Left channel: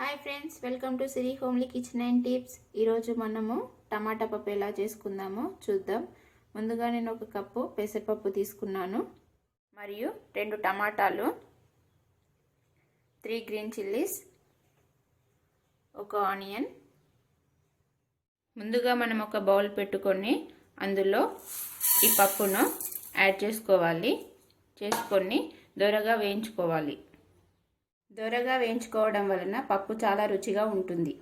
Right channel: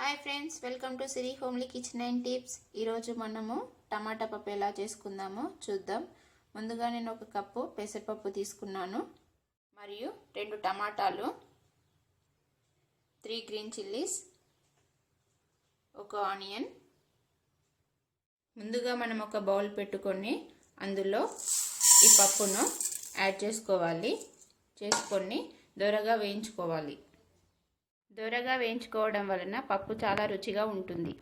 Hi friends, welcome to Siri homely kitchen and tips. ఈరోజు మనము టమాటా పప్పు ఎలా చేసుకుందామో చూద్దాం. ముందుగా నేను ఒక కప్పు పెసరపప్పు తీసుకున్నాను, మరియు 2 టమాటాలు, 3 గ్రీన్ చిల్లీస్, ఒక ఆనియన్. ముందుగా మనం ఒక బౌల్ పెట్టుకొని అందులో ఈ పప్పును యాడ్ చేసుకొని దోరగా వేయించుకోవాలి. దోరగా వేయించుకోవడం వలన పప్పు చాలా రుచిగా ఉంటుంది.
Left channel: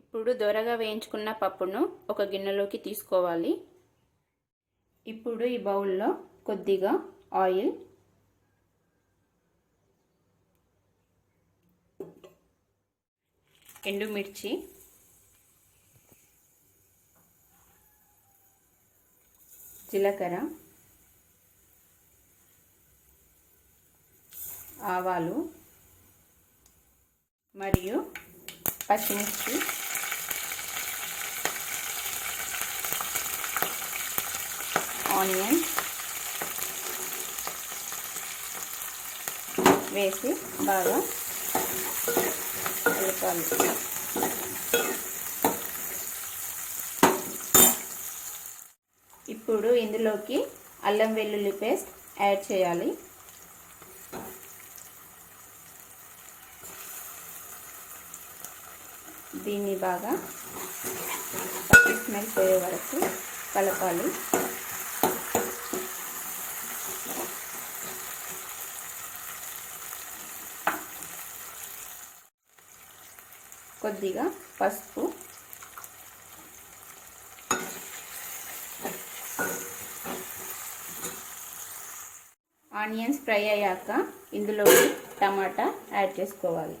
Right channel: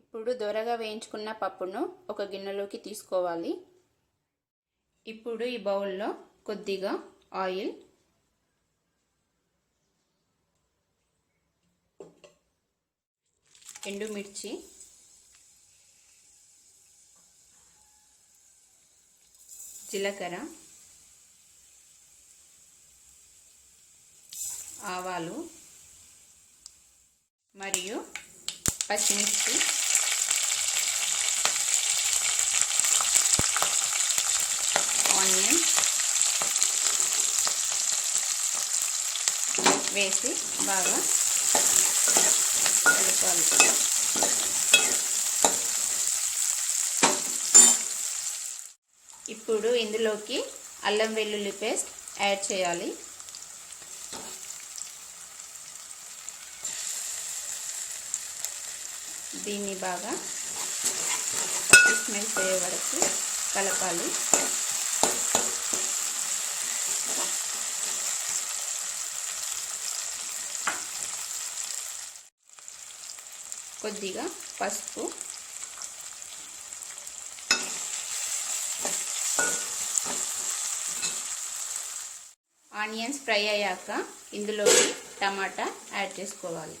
ఇప్పుడు దోరగా వేయించుకున్న పప్పును ఒక గిన్నెలోకి తీసుకోవాలి. ఇప్పుడు ఈ బౌల్లో కొద్దిగా ఆయిల్, ఎండుమిర్చి, జీలకర్ర, ఆవాలు మరియు పచ్చిమిర్చి, ఆనియన్ వేసి బాగా కలపాలి. ఇప్పుడు ఇందులోకి అల్లం వెల్లుల్లి పేస్ట్ యాడ్ చేయాలి. దీన్ని బాగా పచ్చి స్మెల్ పోయే వరకు కలపాలి. కొద్దిగా పసుపు, ఆనియన్స్ ఫ్రై అయ్యాక ఇందులోకి టమాటా యాడ్ చేసుకోవాలి.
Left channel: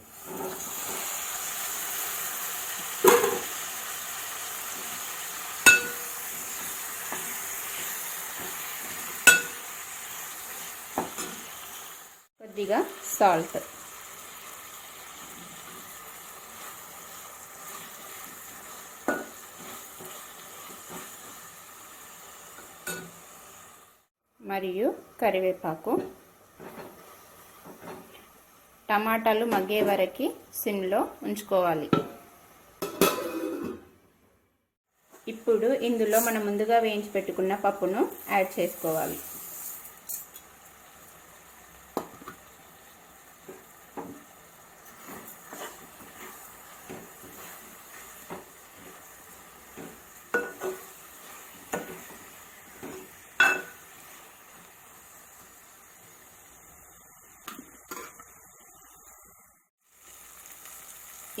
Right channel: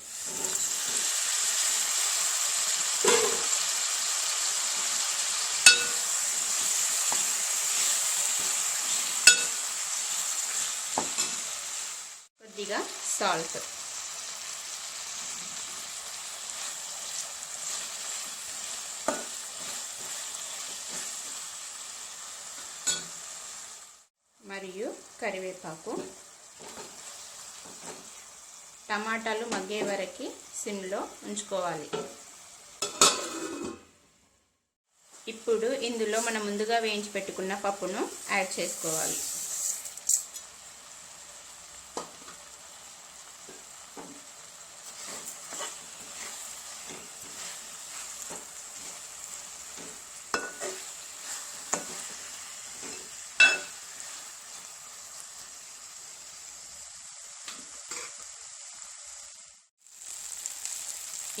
కొద్దిగా సాల్ట్, మరియు కరివేపాకు. టమాటాలు మగ్గే వరకు సిమ్లో ఉంచుకోవాలి. ఇప్పుడు ఇందులో మనం ముందుగా వేయించి పెట్టుకున్న పప్పును యాడ్ చేసుకోవాలి.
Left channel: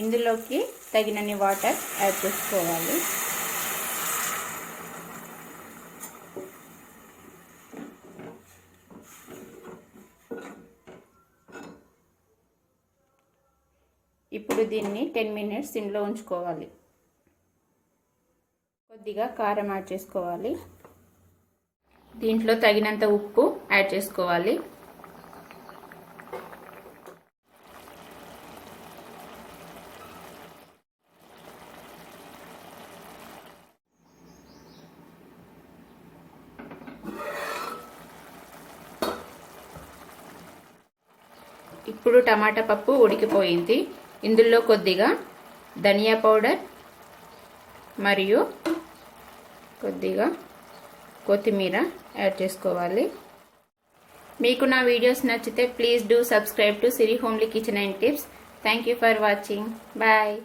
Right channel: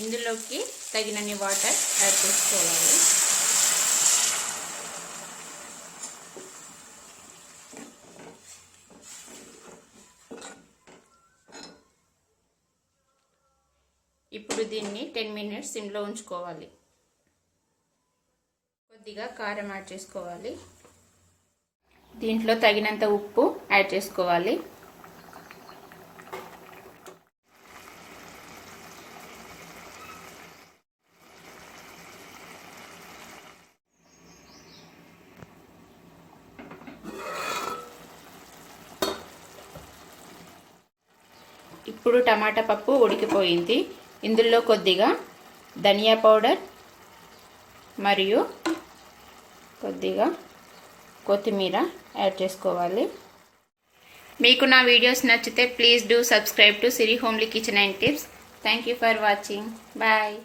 ఇందులోకి తగినన్ని వాటర్ యాడ్ చేసుకోవాలి. ఇప్పుడు దీన్ని 10 మినిట్స్ సిమ్లో ఉంచుకోవాలి. కొద్దిగా కారం యాడ్ చేసుకోవాలి. దీంట్లో తగినంత ఉప్పు యాడ్ చేసుకోవాలి. ఇప్పుడు టమాటా పప్పు ఉడికిపోయింది. ఇందులో కొద్దిగా ధనియా పౌడర్ మరియు కొద్దిగా కొత్తిమీర యాడ్ చేసుకోవాలి. మీకు నా వీడియోస్ నచ్చితే please do subscribe to Siri homely kitchen and tips. Thank you for watching. Bye.